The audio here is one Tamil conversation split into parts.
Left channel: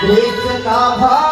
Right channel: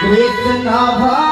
कृष्ण भा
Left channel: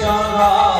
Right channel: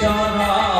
যারা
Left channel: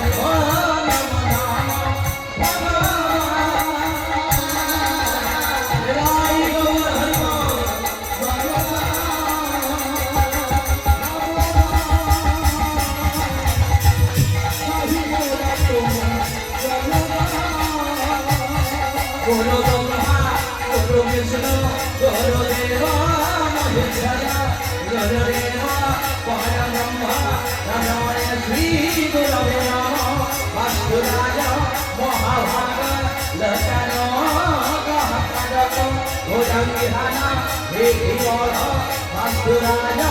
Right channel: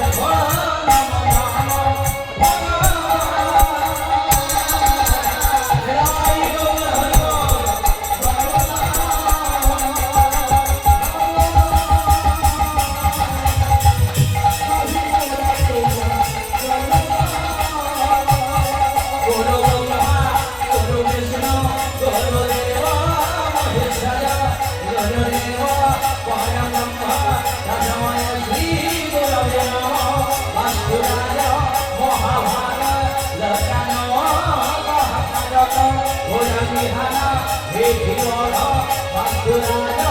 我 நான்